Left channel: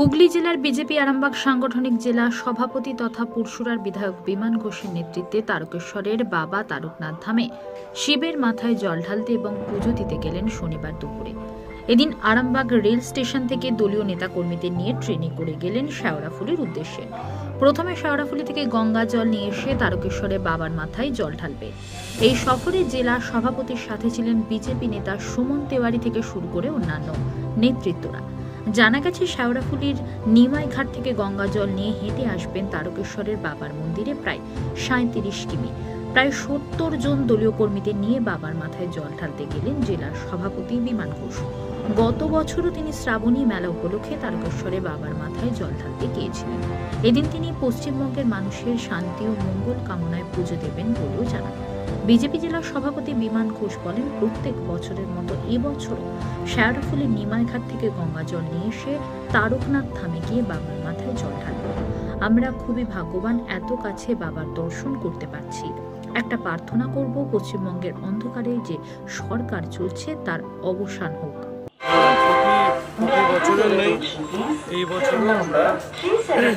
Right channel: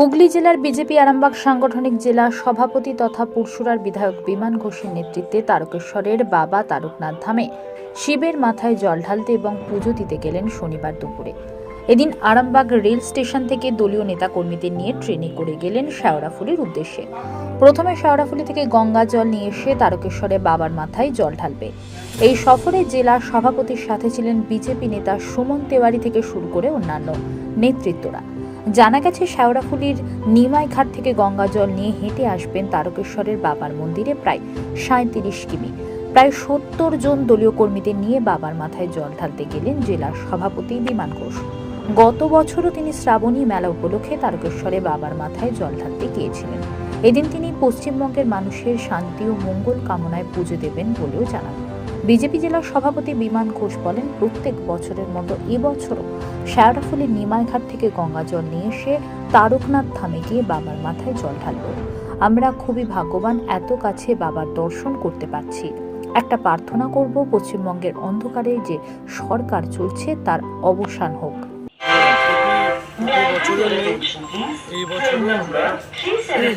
হুগলি জেলার বিজেপি আরামবাগ সাংগঠনিক জেলা সভাপতি তথা পুরসুরার বিধায়ক বিমান ঘোষের নেতৃত্বে তারকেশ্বরের বাবা তারকনাথ ধামে শিবের মাথায় জল ঢালতে এবং পুজো দিতে গেলেন শনিবার দুপুরে। এদিন আরামবাগ রেল স্টেশন থেকে দলীয় নেতাকর্মীদের নিয়ে ট্রেনে করে গেলেন শেওড়াফুলির উদ্দেশ্যে। প্রথমে শেওড়াফুলি থেকে গঙ্গা জল নিয়ে এসে তারকেশ্বরে বাবার মাথায় জল ঢালবে। এই সফরে জেলা সভাপতির সাথে ছিলেন বিজেপি নেতা সুমন তেওয়ারি থেকে শুরু করে অন্যান্য নেতৃত্বরা। জানা গেছে শেওড়াফুলির নিমাই ঘাট থেকে গঙ্গা জল নিয়ে হেঁটে আসবেন তারকেশ্বরের বাবার মন্দিরে প্রায় সাঁত্রিশ কিমি। প্রায় সত্তর জন দলীয় কর্মীদের নিয়ে বাবার মাথায় জল ঢালতে গেলেন জেলার সভাপতি বিমান ঘোষ। গত বছরও তিনি শ্রাবণী মেলা উপলক্ষে তারকেশ্বরে বাবার মাথায় জল ঢালতে গিয়েছিলেন। এদিন তিনি পশ্চিমবঙ্গের মানুষের শান্তি ও মঙ্গল কামনায় পুজো দেবেন বলেও জানান। বিজেপি জেলার সভাপতি বিমান ঘোষ বলেন, প্রত্যেক বছরের মতো এবছরও শায়রাফুলি নিমাইঘাট থেকে গঙ্গা জল নিয়ে এসে তারকনাথ থামে গিয়ে বাবার মাথায় জল ঢালব। আমরা খুবই ভাগ্যবান, এত কাছে বাবার দর্শন করতে পারছি। একটা প্রার্থনা করব, পশ্চিমবঙ্গের অন্ধকারে যে সরকার চলছে, তার অবসান হোক। প্রতি বছরের নেই এই বছরও আমরা আমি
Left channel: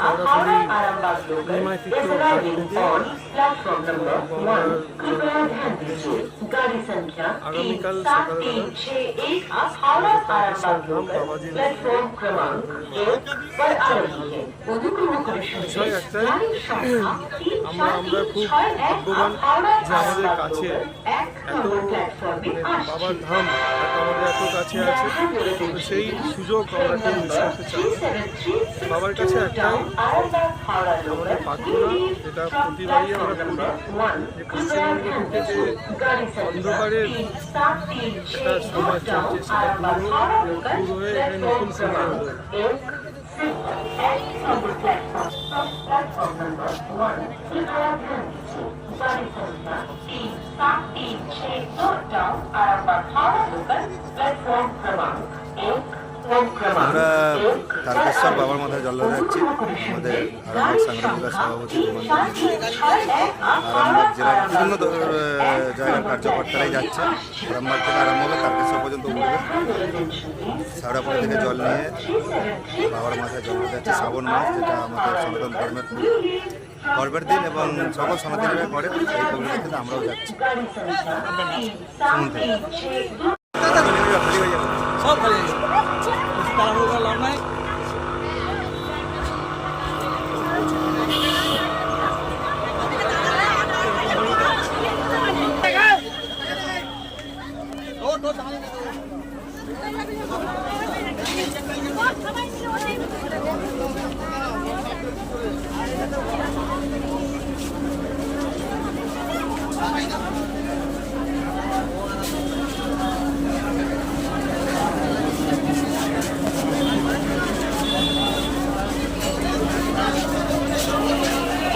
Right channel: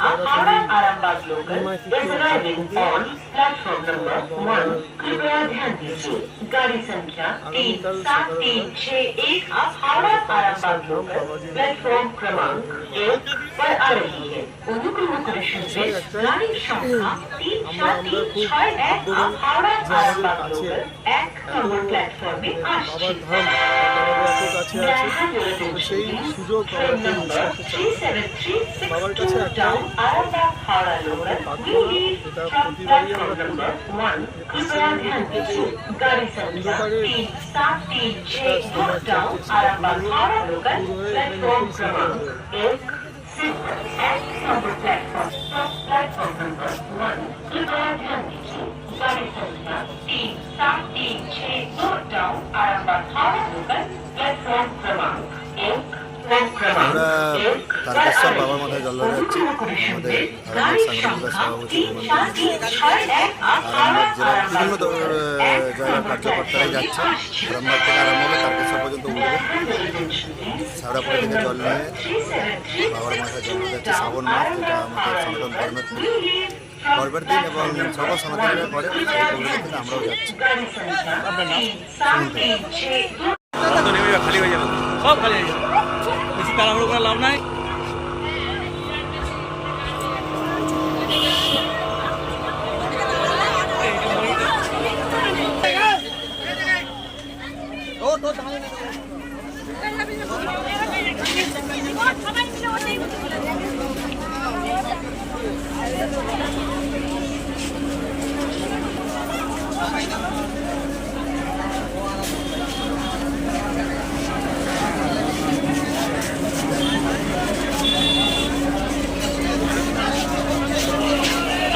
সরাসরি আগামীকাল সকালবেলা তারকেশ্বর ধাম বিষয় একটাই আমরা আমরা খুব ভাগ্যবান যে আমাদের কাছে এত মানে বাবার ধাম আমাদের এত কাছে আছে তো সেই সুযোগ আমরা কেউ মিস করতে চাই বাবার কাছে একটাই। আমাদের প্রার্থনা যেটা প্রতিবারই আমরা করি। যে পশ্চিমবঙ্গ থেকে যে অন্ধকারের একটা সমাজ চলছে সেটা পুরো পুরো হয়ে এখানে নতুন সুন্দর হয়ে আমরা তারকেশ্বর বাবার মাথায় জল ঢালতে যাচ্ছি আমাদের আরামবাগ সাংগঠনিক সভাপতি আরামবাগ জেলার বিভিন্ন জায়গার কার্যকর্তারাই যাচ্ছে। আরামবাগ থেকে আরম্ভ হবে তারকেশ্বর পর্যন্ত উঠবে। সাউড়াপুরি থেকে জল নিয়ে বাবার মাথায় জল ঢালতে যাচ্ছে শ্রাবণ মাস, যেটা আমাদের সনাতন ধর্মের গর্বের দিন এবং সকল সনাতনীরা করে, সেই পরিপ্রেক্ষিতে আমরাও যাচ্ছি। শুনতে খালি হয়ে যাবে সব খালি হয়ে যাবে। তাড়াহুড়ো লাভ নাই।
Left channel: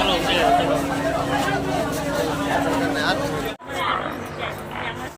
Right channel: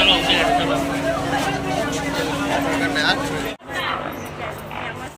ஆள் வந்து எடுத்துடலாம்